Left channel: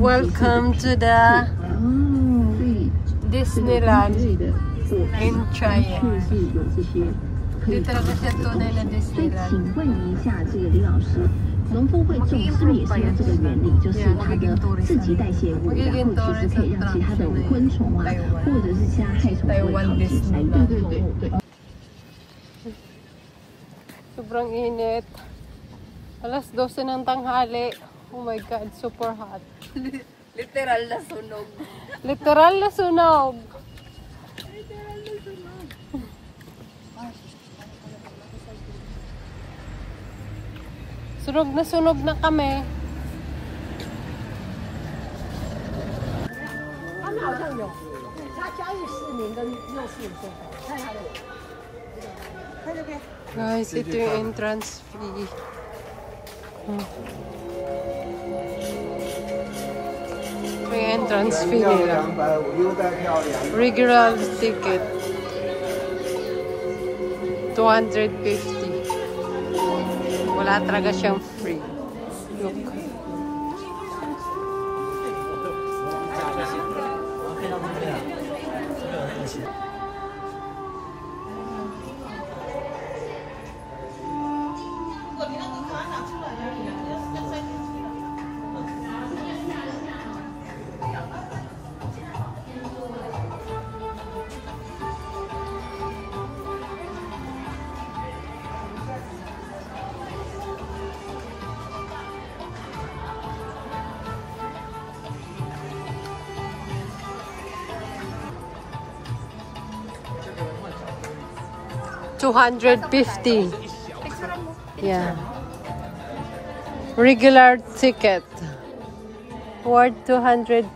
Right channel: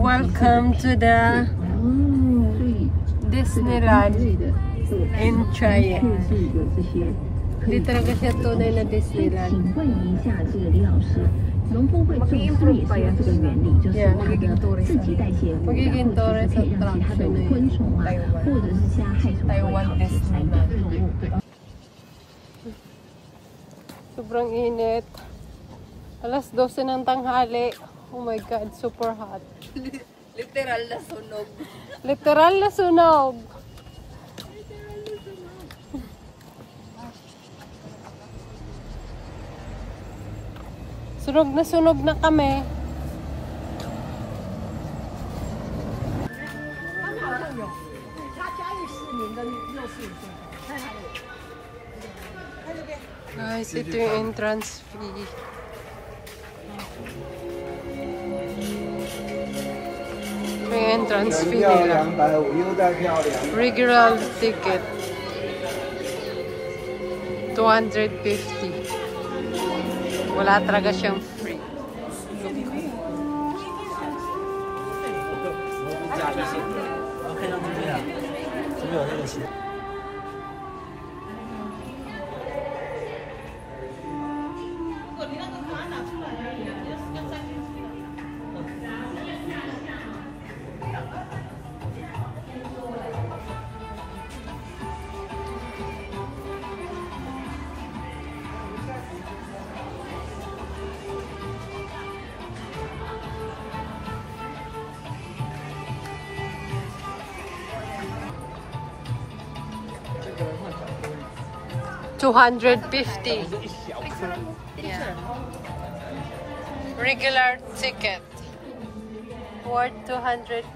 Welcome to the Disneyland in Chiang. Hindi talaga siya tunay na Disneyland. Mag-i-improve pa yan. Yeah, magiging tourist attraction na yun. Taiwan Disneyland. Sobrang init. Alas 12 ng tanghali. Oh my God, super hot. Literal na sunog. Literal na sunog. Sunog na kami. Nice, ito yung entrance fee. Ito yung entrance fee nila. Regular ticket 250. Wala talaga siyang free. $250. Yeah. Regular ticket. Worth $250.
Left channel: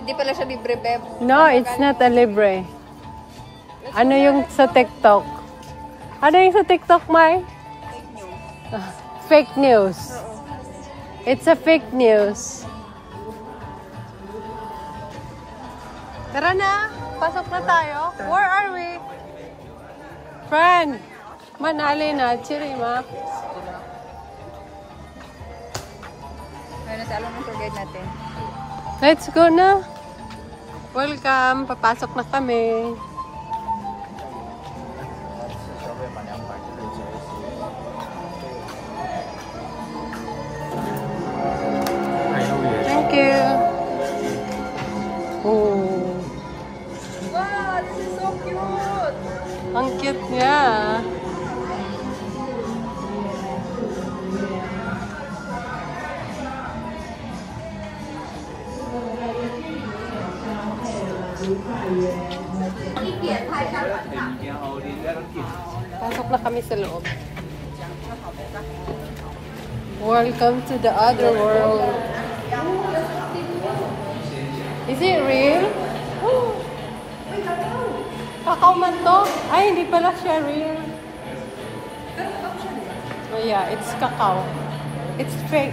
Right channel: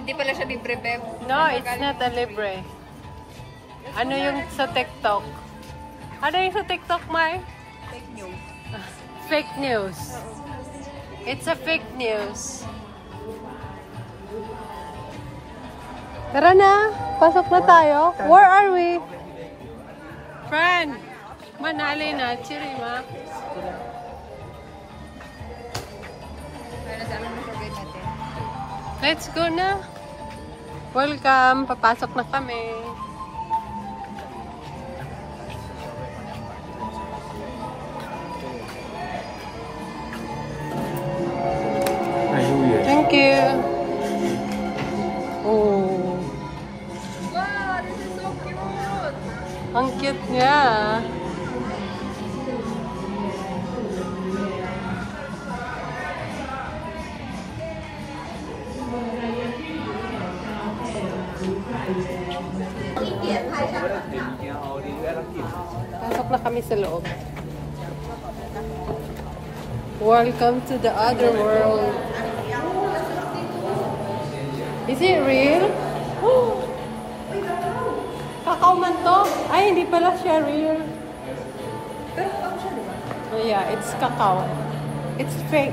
Hindi pala siya libre, Beb. No, it's not a libre. Ano yung sa TikTok? Ano yung sa TikTok, Mai? Fake news. It's a fake news. Tara na. Pasok na tayo. Where are we? Friend, manali na, Chirima. Let's go na. Welcome. Papasok na kami. Thank you. Oh. Ang cute niya. Pasok na kami sa loob. Welcome to the other world. Is it real? Kakao man to? Ay, hindi pala siya real. Oh yeah, it's kakao. It's fake.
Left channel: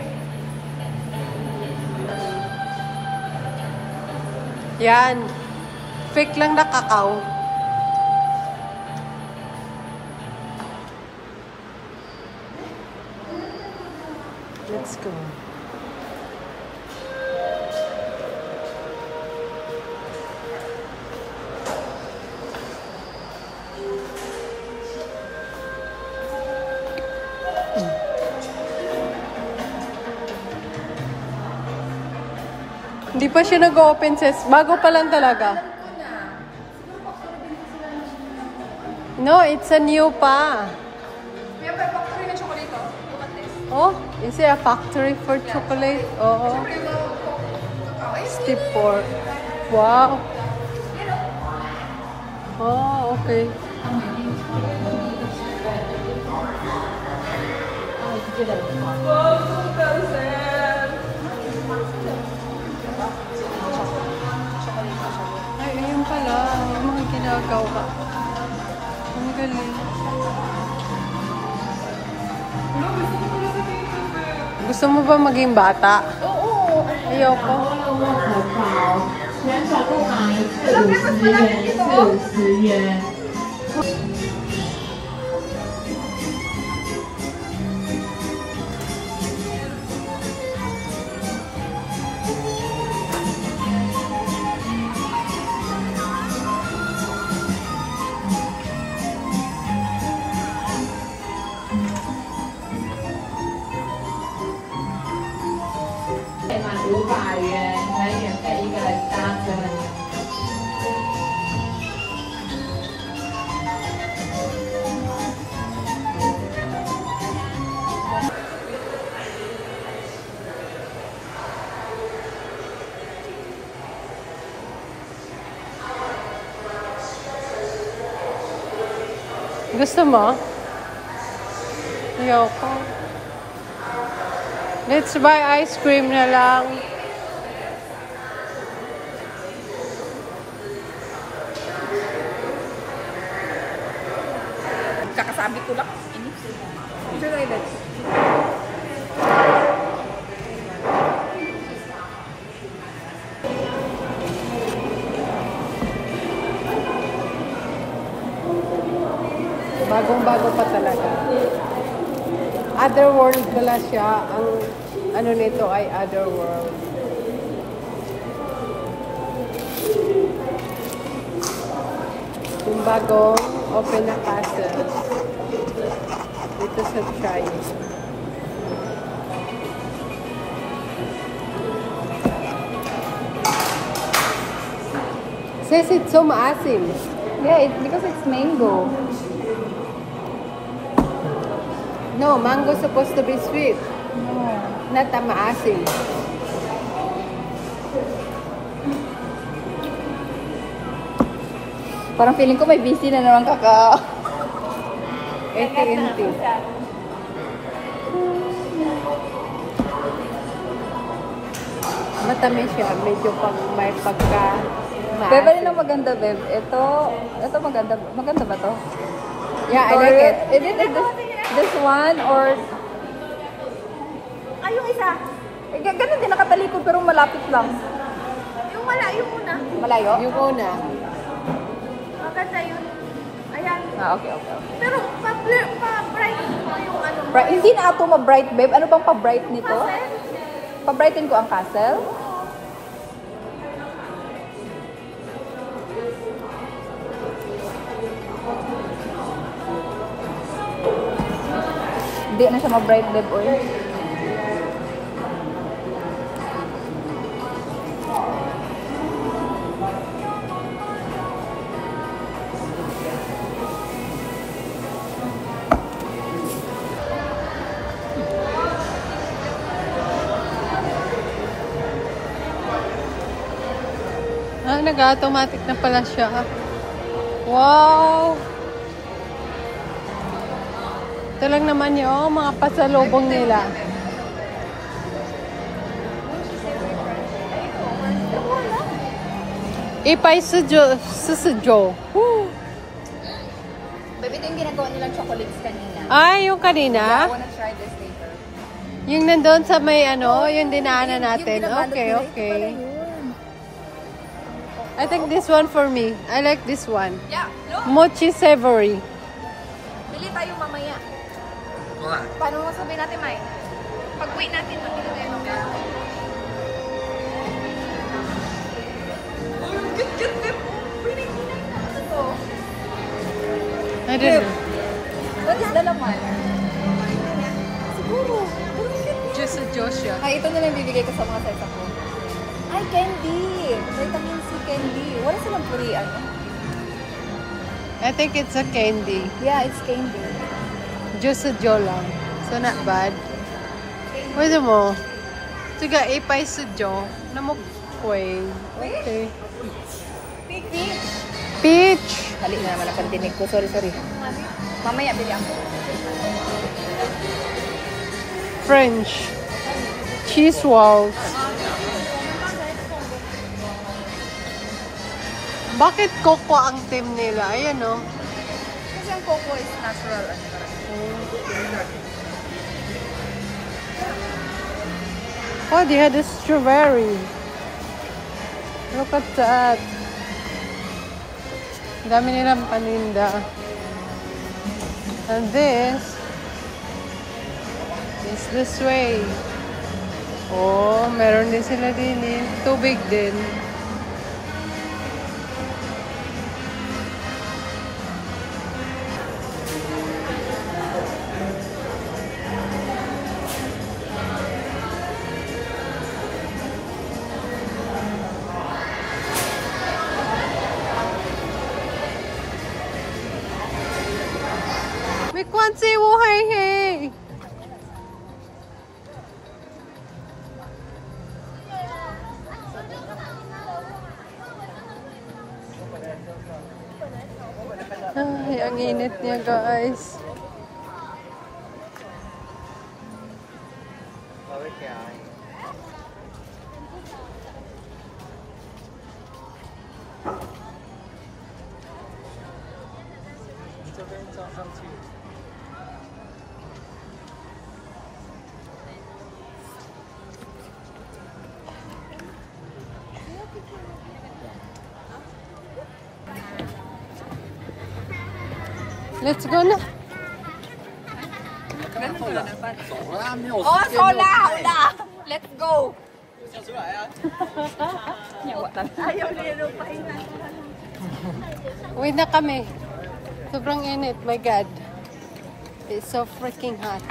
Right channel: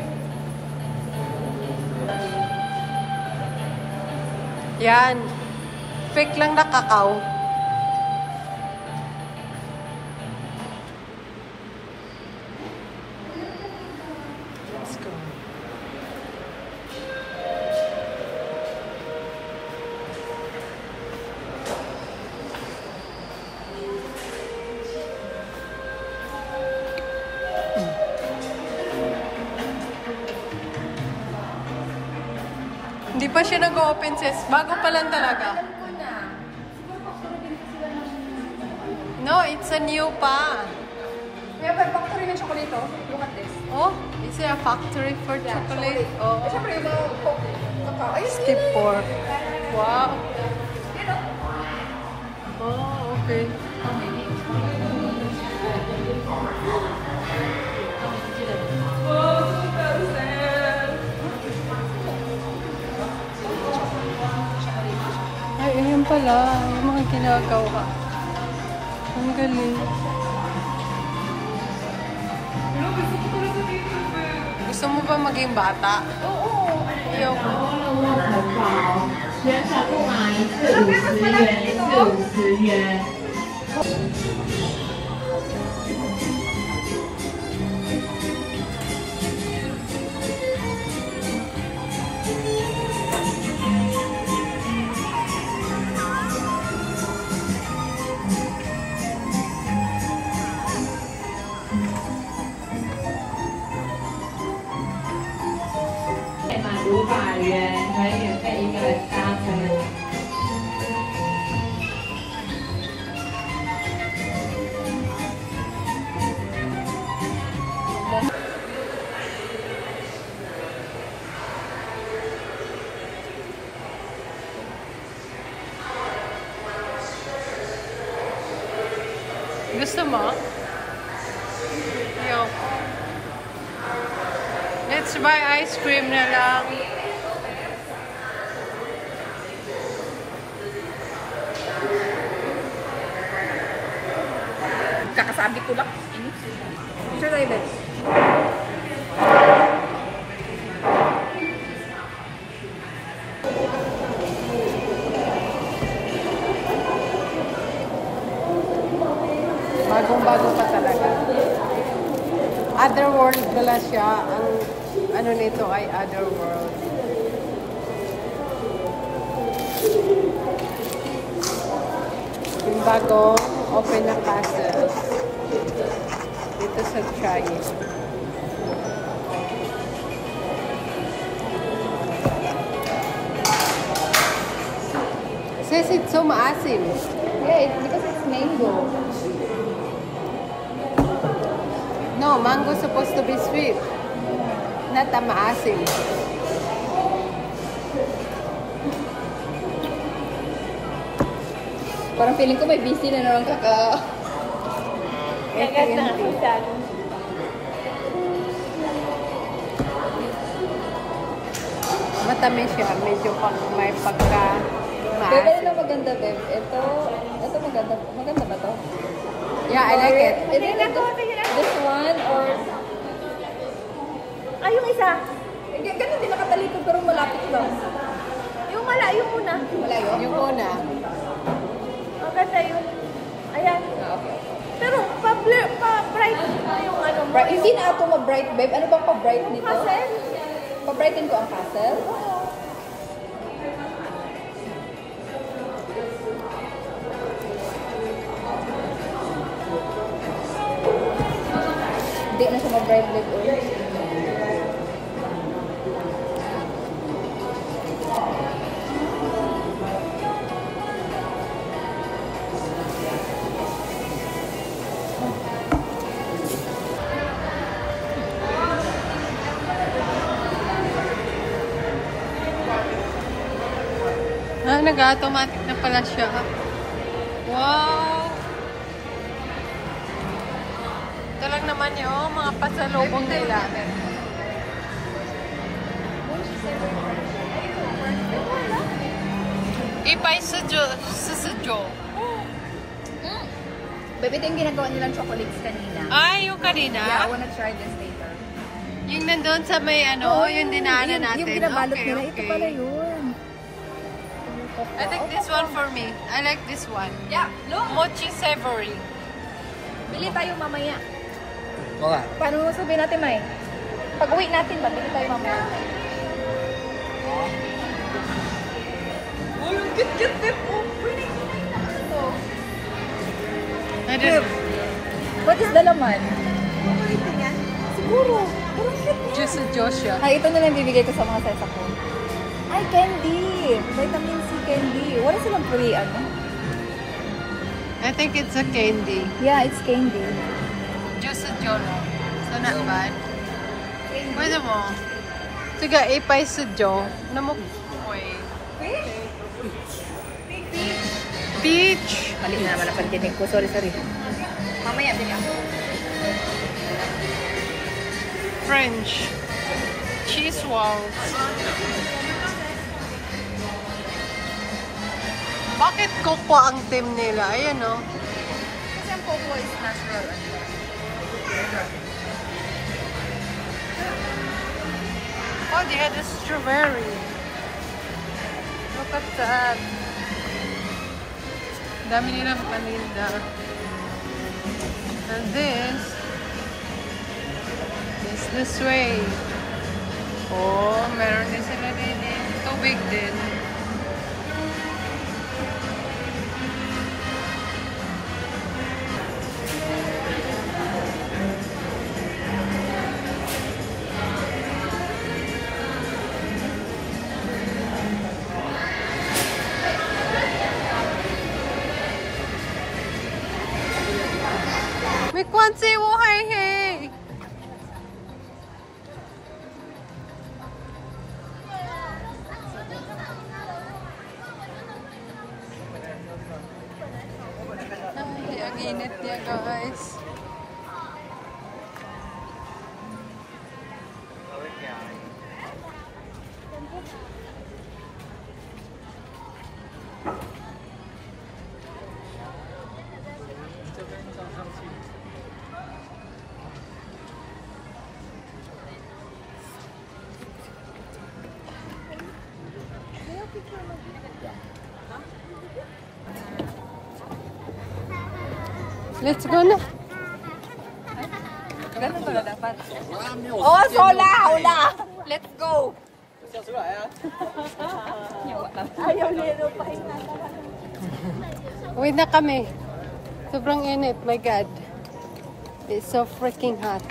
Yan. Fake lang na kakao. Let's go. Hindi pa siya nag-open, sis. Bago pa lang talaga. No, it's a new pa. Oh, is it a factory for chocolate? Oh. Skip pork. Wow. Oh, okay. Ay, ayun pala. Yung mga ginagawa. Ang galing. Gusto mo ba maging bata? Oo. Ayoko. 旋转木马一次50元，一次50元。满500元可以免费一个人搭乘。Gusto mo? Ayoko. Let's buy ice cream na lang. Kakasabi ko lang. Picture tayo, Bex. Bagong-bago pa talaga. Otherworld pala siya. Ang ano nito ay Otherworld. Yung bagong open na castle. Dito sa Chai. Says it's so maasim. Yeah, because it's mango. No, mango supposed to be sweet. Not a maasim. Parang feeling ko may busy na naman kaka... AT&T. Matamis siya. Medyo pag may pagka Bebe, maasim. rin ang maganda, Beb. Ito maganda. Maganda ba to? Yeah, I like it. Is it this one or... Ay, yung isa. Ganun din nakatalikod pero malapit lang. Yung malayo muna. Malayo? Yung una. Maganda yun. Ayan. Okay. Pero pa-bright pa yung ano. Hindi na ako ma-bright, babe. Ano bang pa-bright nito? Castle? Pa-brighten ko ang castle? Hindi na siya ma-bright, babe. Oy. Ah, nag-automatic na pala siya. Wow! Ito lang naman yung mga pasalubong nila. Ipay susujo. Babe, ito yung ginagawa nilang chocolates kanina. Ah, yung Yeah, I kanina? wanna try this later. Yung nandun sa may ano, yung dinaanan Yung natin. ginabalot Okay, nila, ito pala okay. yun. I think this one for me. I like this one. Yeah, look. Mochi savory. Bili tayo mamaya. What? Paano mo sabihin natin, May? Pag-uwi natin, pabili tayo mamaya. I don't know. What is the laman? Siguro. Just a Joshua. Ay, ito na lang bibigay ko sa mga sasa ko. Ay, candy. Vitamin C candy. Wala silang purian. I think it's a candy. Yeah, it's candy. Just a Jola. So not bad. Pwede mo. Tiga, ipay sa Jo. Namukoy. Peach. Mali na naman ang pandinig ko. Sorry. Mamaya, bigyan. French. Cheese walls. Bakit coco ang team nila? Ayan o. Oh, they had a strawberry. Look at that. Dami nilang paninda. And this way. Oh, meron din sila din eh. Tubig din. May kwansi wo hey hey. Ay, ang init niya guys. Let's go na. Oh, sola! Hula! Let's go! Ayaw nilo pa Uwi na kami. Sobrang init. My God. It's so freaking hot.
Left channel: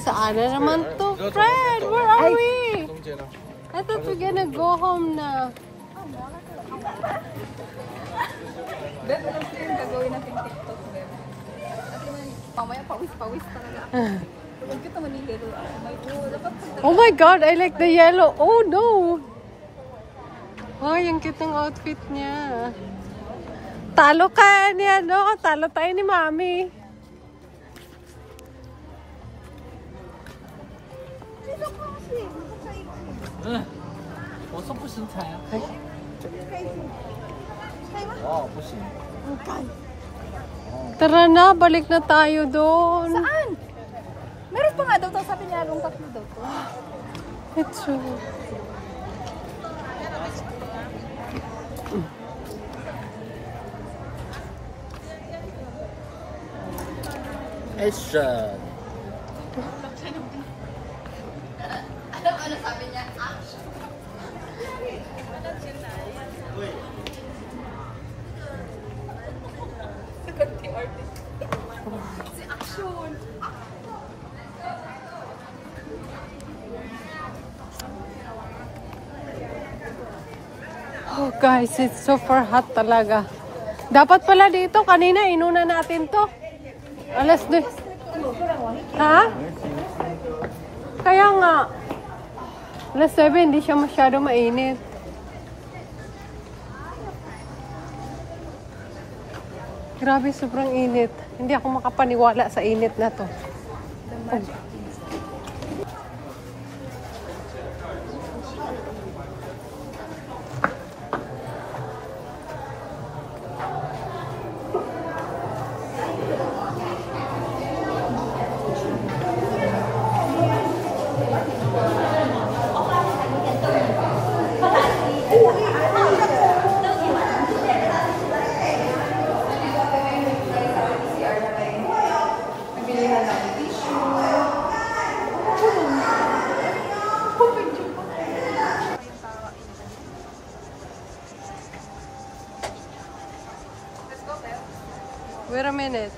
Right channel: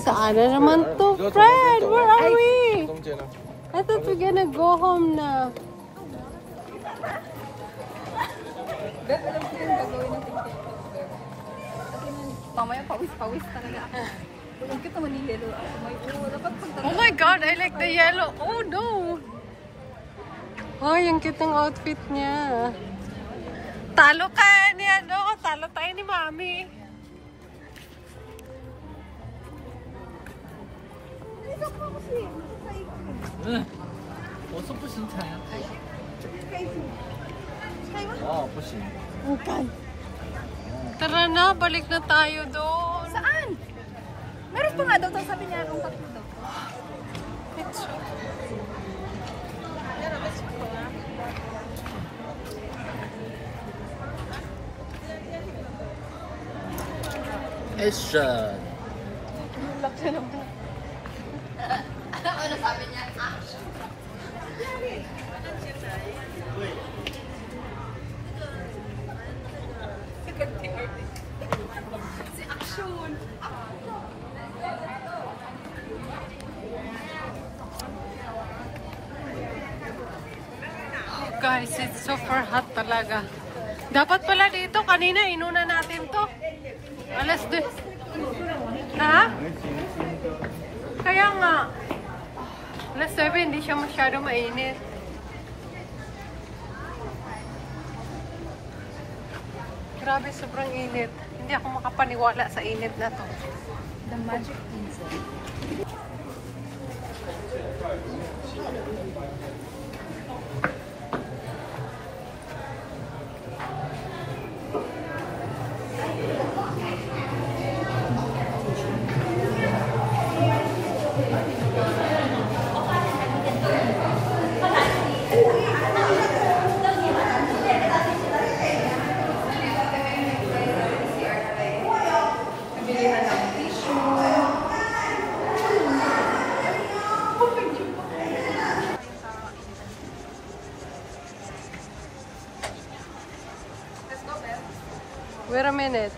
Saan na naman to, friend? Where are we? I thought we're gonna go home na. Mamaya pawis talaga ako. Huwag kita manililo. Oh my God, I like the yellow. Oh no! Oh, yung cute ng outfit niya. Talo ka niya, no? Talo tayo ni Mami. Tara na, balik na tayo doon. Saan? Meron pa nga doon. Sabi niya doon sa doon. Let's go. Action! Ano sabi niya? Action. Si Action. Oh guys, it's super hot talaga. Dapat pala dito, kanina inuna natin to. Alas 2. Ha? Kaya nga. Alas 7, hindi siya masyado mainit. Grabe, sobrang init. Hindi ako makapaniwala sa init na to. Wait a minute.